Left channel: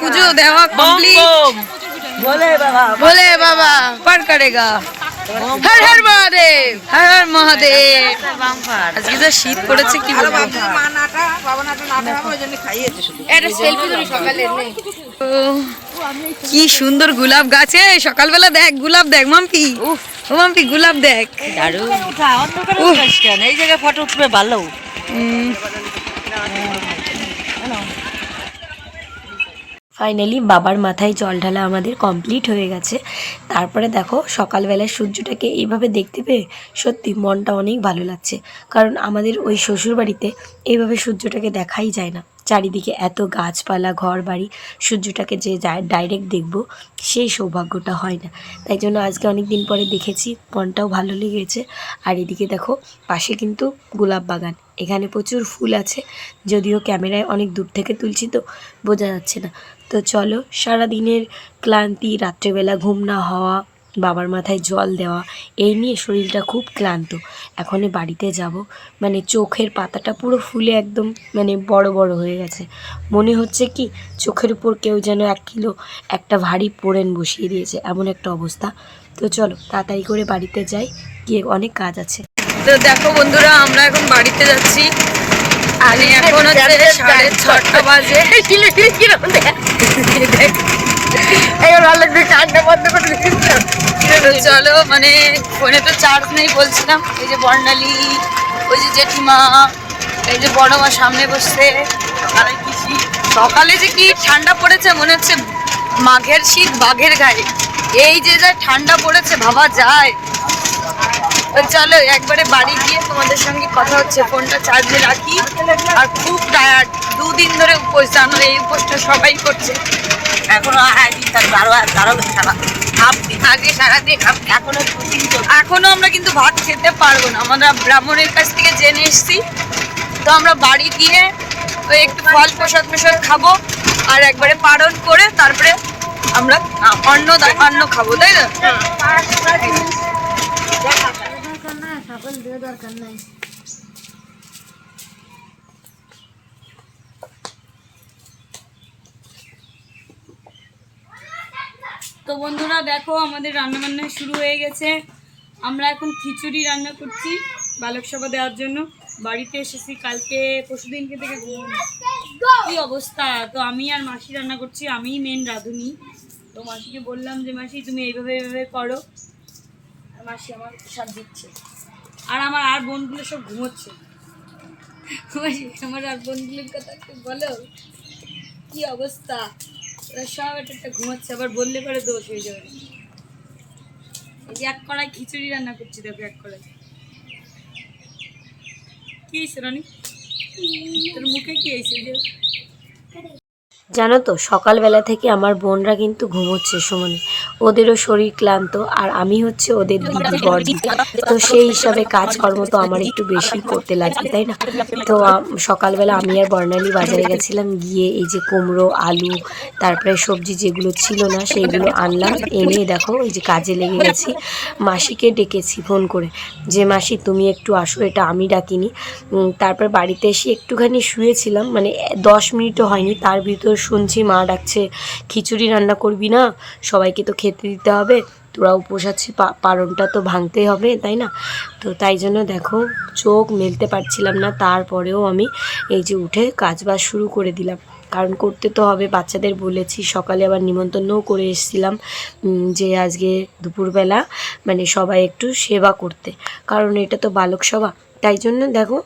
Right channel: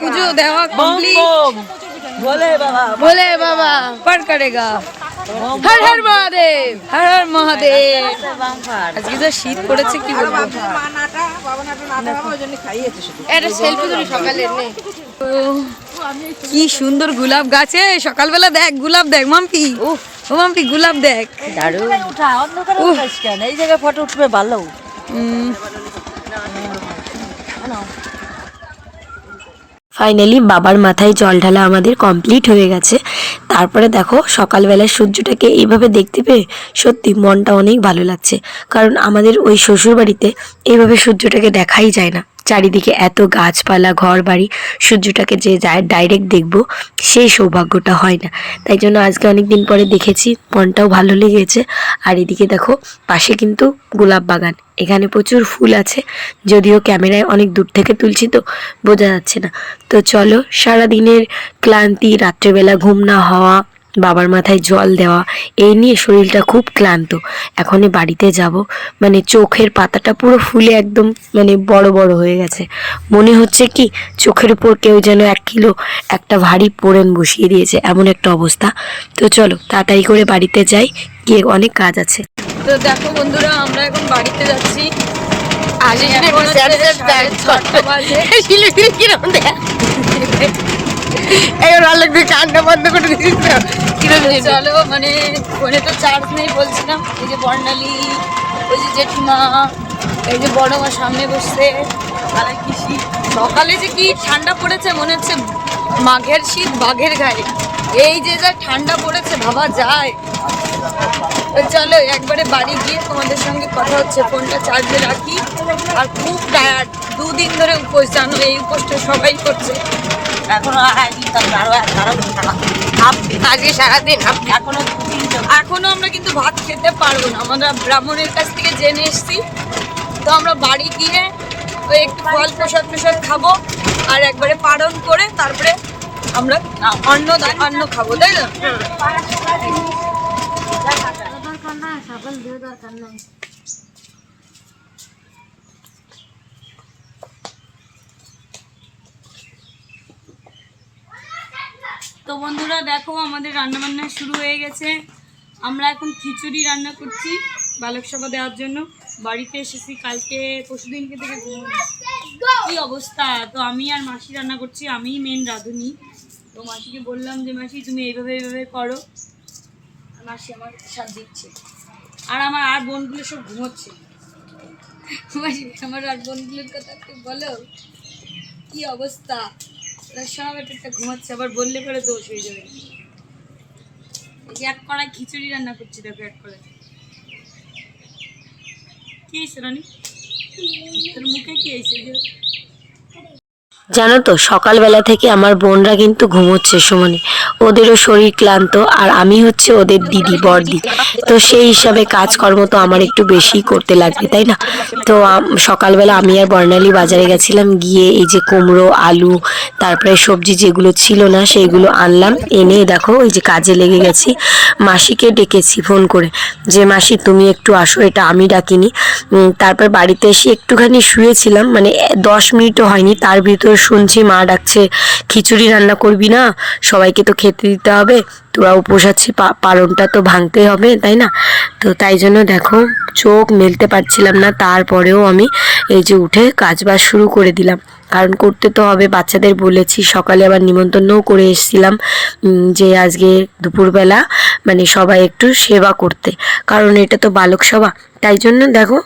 পুজো দেওয়া কমপ্লিট। ভোলে বাবা পার করেগা। হর হর মহাদেব, হর হর মহাদেব। আজকে যা শীত পড়েছে কি বলবো। কি সুন্দর গোলাপ গাছে সকালবেলা দেখ, গোলাপ দেখ মাম্পি, ও মাম্পি গোলাপ দেখ। এই জায়গায় ফটো উঠবে ভালো। ফাইনালি বাবার মাথায় জল ঢালা আমাদের কমপ্লিট হয়ে গেছে। তারপরে দেখো সকালবেলায় সূর্যটাকে এইভাবে দেখতে পেয়ে সত্যি মনটা অনেক ভালো লাগছে, কারণ আমাদের ওই শ্বশুরবাড়িতে এইভাবে সূর্যটাকে দেখাই যায় না। চারিদিকে এত গাছপালা, ঘর বাড়ি, সূর্যটাকে যে যায় ডাইরেক্ট দেখবো সেই সৌভাগ্যটা হয় না। তাই জন্য আজকে অনেক দিন পরে দেখেছি, মনটাও ভালো লেগেছে। আর এদিকে দেখো পাশে কিন্তু গোলাপ বাগান, এখানে প্রচুর ফুল আছে, যদিও ক্যামেরায় অনেক দূর থেকে তুলছি তো বোঝা যাচ্ছে না। তো চলো, সারাদিনের ক্লান্তি, রাত্রেবেলা ঘুম না হওয়া, বাবার মাথায় জল দেওয়া, এই নিয়ে শরীরটা খুব ক্লান্ত। এখনই বাড়িতে যাব, মানে চোখের পাতাটা পুরো ফুলে একদম মানে বড় বড় হয়ে গেছে। মনে হচ্ছে কি চোখের উপর কেউ যেন 1 কিলো একটা ভারী পোড়েন বসিয়ে দিয়েছে, এমন একটা অবস্থা। তো চলো তাড়াতাড়ি করে বাড়িতে যাই, গিয়ে অনেক কাজ আছে। তো দেখো বন্ধুরা, আমরা এখন বাড়িতে যাচ্ছি। এখন হচ্ছে 6:30 বাজে। চলো, মানে ফোনে তো চার্জ নেই বলছিলাম। এই যে বর্ণালী, ওই যে জেঠিমা, এই যে বড় মা সামনে বসছে। সকালে কি শীত, সকালে যে কি ঠান্ডা পড়েছে, মনে হচ্ছে মাঘের শীত বাঘের গায়ে। এই যে যা ঠান্ডা পড়েছে ভাবা যায়। চলো একবারে বাড়ি গিয়ে তোমাদের সঙ্গে কথা হচ্ছে। ফোনটা চার্জে রাখি। আর খুব টায়ার্ড, 2 দিন ধরে উপোস, জানো এই উপোসটা সবাই করছে। এখনো আমরা কিন্তু ভাত খেতে পারবো না, আমরা ব্রাহ্মণের কাছ থেকে জেনে এসছি। তো আমরা বাড়ি গিয়ে ওই একটু ফল প্রসাদ খাবো, আর একবারে পালন করে তারপরে আমরা অন্ন খাবো, তাই না? তো বন্ধুরা দেখো, আমাদের রান্নাবান্না শুরু হয়ে গেছে। আমরা এখন খিচুড়ি রান্না করছি বালক সভা দেওয়ার জন্য। বাড়িতে এসেছি কালকে পরশুদিনকে থেকে কি অবস্থা। তো আমি আর মাসি রান্না করছি, আমিই মেন রাঁধুনি। তো মাসিকে বললাম যে মাসি তুমি এইভাবে করো, আর মাসি আমার সাথ দিচ্ছে। আর আমার আর বোনগুলো সব ঘুমোচ্ছে। মাসি আমার আর বোনগুলোর কথা একটু বলো, কি অবস্থা। ওরা সব একটা ঘুমাচ্ছে, আবার বললে পরে দোষ হয়ে যাবে। এই যে 1 কড়াই খিচুড়ি রান্না করছি, দেখো 1 কড়াই। কি হয়েছে রানী, তোর মুখে কি হয়েছে? জানো তো সকালবেলা থেকে আমার বোনরা কিন্তু ঘুমোচ্ছে সমানে, ওদেরও শরীর ক্লান্ত, আর আমি হচ্ছে ওদের দিদি, বড়দি। তো সেই হিসাবে কাজকর্ম তো আমার একটু বেশি করতে লাগবে, তাই না? তো সকালবেলা আমি আর বর্ণালী বাজারে গেছিলাম, গিয়ে এই যে কুমড়ো, আলু, তারপরে সবজি যেগুলো ছিল না সেইগুলো আনলাম, এনে দেখো এই যে কাজে লেগে গেছি। মাসিকে ডেকেছি ফোন করে যে মাসি তুমি একটু আসো, এটা আমি ডাকিনি। তারপর বাড়িতে এসে একটুখানি শুয়েছিলাম, মানে 10 মিনিটও হয়নি, তার ভিতর শুনছি মা ডাকছে খিচুড়ি রান্না করবি না, সবাইকে তো খেতে দিতে হবে, তোরা উপোস আছি, পালনটা তো ভাঙতে হবে, তাই না? তো তাই জন্য দেখো চোখ মেলতে পারছিলাম না, তারপরেও আমি এই যে উঠে কাজবাজ শুরু করে দিলাম, কারণ করতে তো হবে। বাচ্চাদের বলেছি, সকালে আবার নিমন্ত্রণও করে এসেছিলাম যে আজকে দুপুরবেলা মানে সবাই একটু সেবা করতে, কারণ এটা তো বালক সভা। তাই জন্য দেখো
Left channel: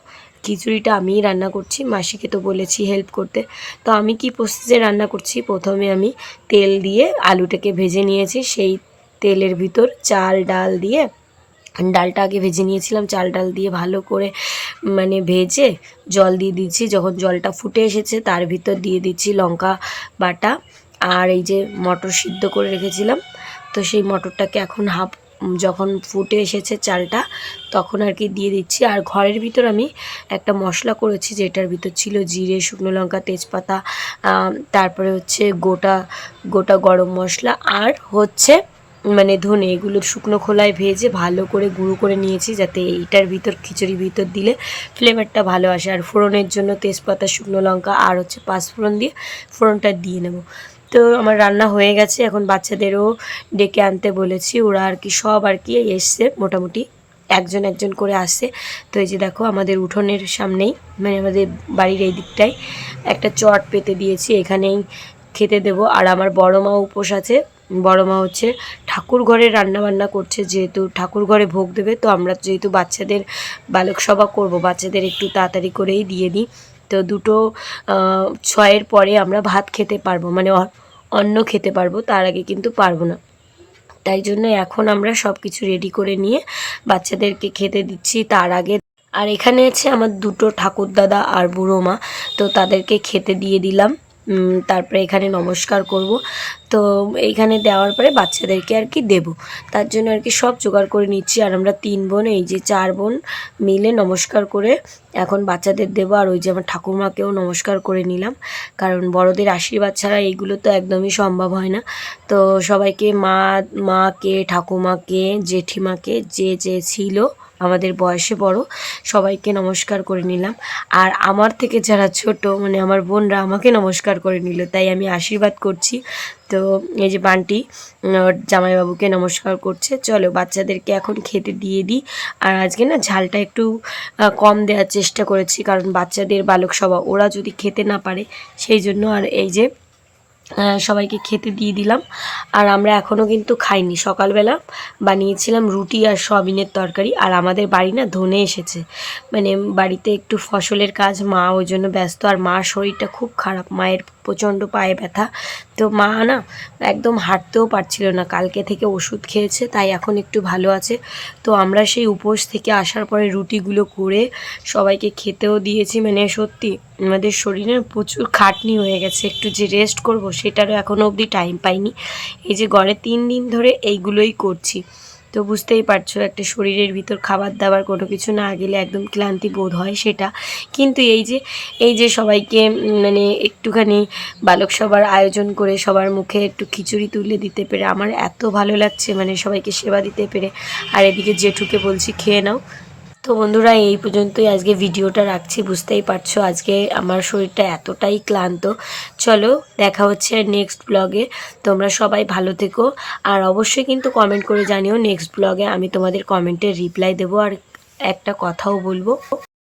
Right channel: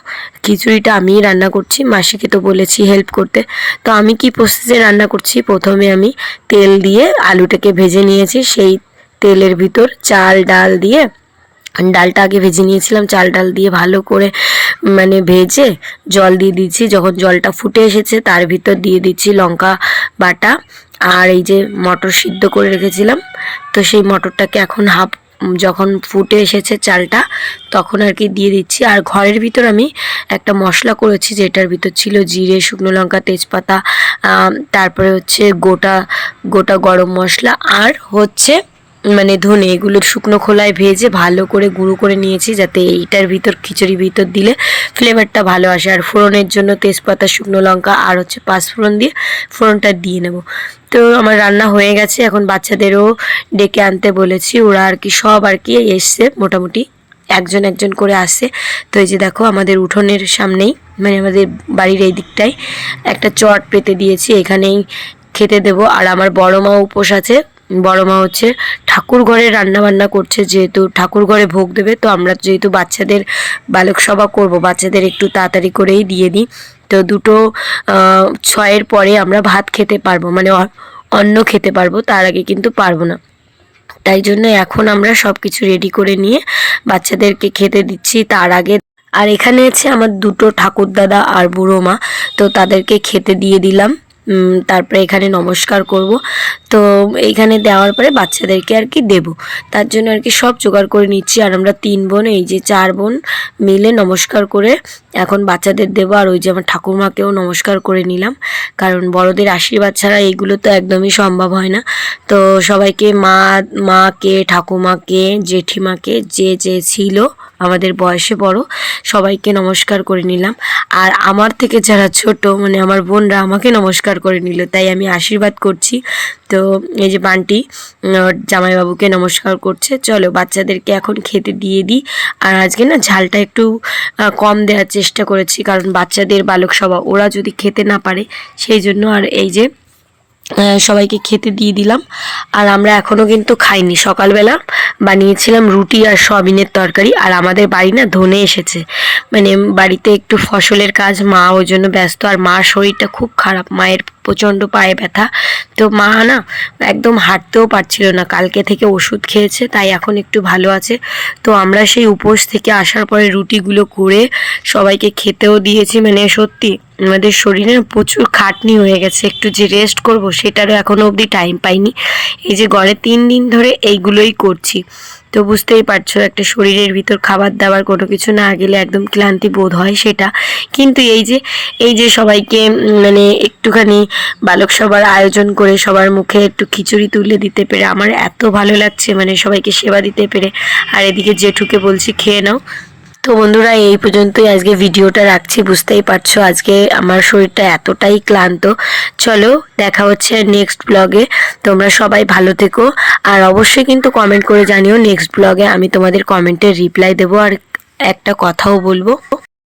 খিচুড়িটা আমিই রান্না করছি, মাসিকে তো বলেছি হেল্প করতে। তো আমি কি প্রসেসে রান্না করছি, প্রথমে আমি তেল দিয়ে আলুটাকে ভেজে নিয়েছি, সেই তেলের ভিতর চাল ডাল দিয়ে, ডালটা আগে ভেজে নিয়েছিলাম, চাল ডাল দিয়ে ভালো করে মানে ভেজে জল দিয়ে দিচ্ছি। যখন জলটা ফুটে এসেছে তার ভিতর দিয়ে দিচ্ছি লঙ্কা বাটা, আর এই যে মটর সিদ্ধ করে রেখেছিলাম, তো সেই মটরটাকে এখন যখন ফুটে এসেছে চালটা তখন আর কি দিয়ে দিচ্ছি। আর ঘরের ভিতর আমি একটা মশলা করেছি, যেটার ভিতর ছিল জিরে, শুকনো লঙ্কা, তেজপাতা, তারপরে হচ্ছে গোটা গোটা গরম মশলা, আর হচ্ছে মানে ধনে এগুলো শুকনো খোলায় ভেজে ভালো করে গুঁড়ো করে নিয়েছি, যাতে এইটার ভিতর খিচুড়ির ভিতর দিলে ফ্লেভারটা ভালো আসে। আর ফোড়নের জন্য তেজপাতা, শুকনো লঙ্কা আর হচ্ছে পাঁচফোড়ন দিয়ে ফোড়নটা দিয়ে নেব। তো আমার রান্না হয়ে গেছে, এখন বাচ্চাদেরও ডেকে আনতে বলেছি, ওরা আর কি সব আর কি এসছে, মোটামুটি একজন একজন করে আসছে। তো এই যে দেখো আমাদের উঠোনের সামনেই, মানে আমাদের বাড়ির এই দিকটায় একটা চট পেতে দিয়েছি, এখানেই খেতে দেবো। আর আমার বড় মা উপোস আছে, বড় মা হচ্ছে ঠাকুর ঘরে রান্না বান্না করছে, যেহেতু ঠাকুর ঘরে ভোগ দেবে। তো আমরা যেহেতু বাচ্চাদের বালক সভা করব, বাচ্চাদের একটু তাড়াতাড়ি করেই দিয়ে দিই। তো 2:06 পরে আমরা ভাত খেতে পারবো, মানে অন্ন খেতে পারবো, তার আগে কিন্তু পারবো না। তাই জন্য এখন আমরা সব কিছু রেডি করে নিয়ে বাচ্চাদেরকে খেতে দিচ্ছি তার আগে। আর এখানে আছে আমার 2 ঠাকুরদাদা আর বুড়ো মা, তো তাদেরকে খেতে দিয়ে দিলাম। তারপরে এখানে নমস্কার করব। তো এইখানে দেওয়ার পরে বাচ্চাদেরকে আর কি দেবো, তার জন্য আর কি সব জোগাড় করে নিচ্ছি। আর আমরা 3 বোন, এই যে 4 বোন মিলে নমস্কার করে এখন বাচ্চাদের দেবো। আর ওই যে আমার ঠাকুরমাকেও নমস্কার করে নিলাম, কারণ বড়দের আশীর্বাদ ছাড়া এইগুলো তো একদমই সম্ভব হয় না। তো সবাইকে, মাকে, ঠাকুমাকে, জেঠিমাকে, যে যে ছিল আমাদের বয়সে বড়, সবাইকে নমস্কার করে নিলাম। আর আমার থেকে যারা ছোট, মানে আমার বোনরা আমাকে নমস্কার করে নিল, তাই আমি আশীর্বাদ করছি। তো এই যে বান্টি জামাইবাবুকে নমস্কার করছে। চলো বাচ্চাদেরকে এখন খেতে দিয়ে দিই। আর আজকে না ঝালটা একটু কম দেওয়ার চেষ্টা করেছি, কারণ বাচ্চাদের বালক সভা, ওরা যদি খেতে না পারে সেই জন্য। আর এই যে সবাইকে খেতে দিয়ে দিলাম। আর আমরা এখনও কিন্তু খাইনি, সকালবেলা বানিয়েছিলাম রুটি আর সয়াবিনের তরকারি। আর আমাদের বাড়ি না ধনে এসেছে, মানে বাড়িতে একটু ফসলের কাজ, মা ওই জন্য ব্যস্ত। আর মার শরীরটা খুব খারাপ, মায়ের প্রচণ্ড পায়ে ব্যথা। তো মা না একদম হাঁটতেও পারছিল না, কালকে থেকে ওষুধ খেয়েছে, তাই এখন একটু ভালো আছে। তো আমরা সেই উপোস থেকে আসার পরে রুটিগুলো করে সবাইকে খেতেও দিয়েছি। মানে সত্যি আমাদের শরীরে প্রচুর খাটনি হয়ে গেছে, একটু যে রেস্ট করব সেটারও এখনও অবধি টাইম পাইনি। এই যে গড়ে 3 দিন ধরে এইগুলোই করছি। তো বুঝতেই পারছো, একটা শরীরের ভিতর খাবার দাবার কোনো কিছু না গেলে একদম ক্লান্তি বোধ হয় সেটা। কিন্তু এই যে সবাইকে মানে একটুখানি বালক সভার আয়োজন করে সবার মুখে একটু খিচুড়ি তুলে দিতে পেরে আমার এত ভালো লাগছে, মানে সবাইকে সেবা দিতে পেরে। আর এদিকে জেঠুকে বলছি খেয়ে নাও। তো বন্ধুরা, এই পর্যন্তই আজকে ভিডিওটা রাখছি। বুঝতেই পারছো আজকে আমার শরীরটা এতটাই ক্লান্ত। চলো দেখা হচ্ছে নেক্সট ব্লগে। তোমরা সবাই ভালো থেকো, আর অবশ্যই কিন্তু কমেন্ট করে জানিও। নেক্সট ব্লগে আমি তোমাদের কমেন্টের রিপ্লাই দেবো আর একটা কথাও বলবো।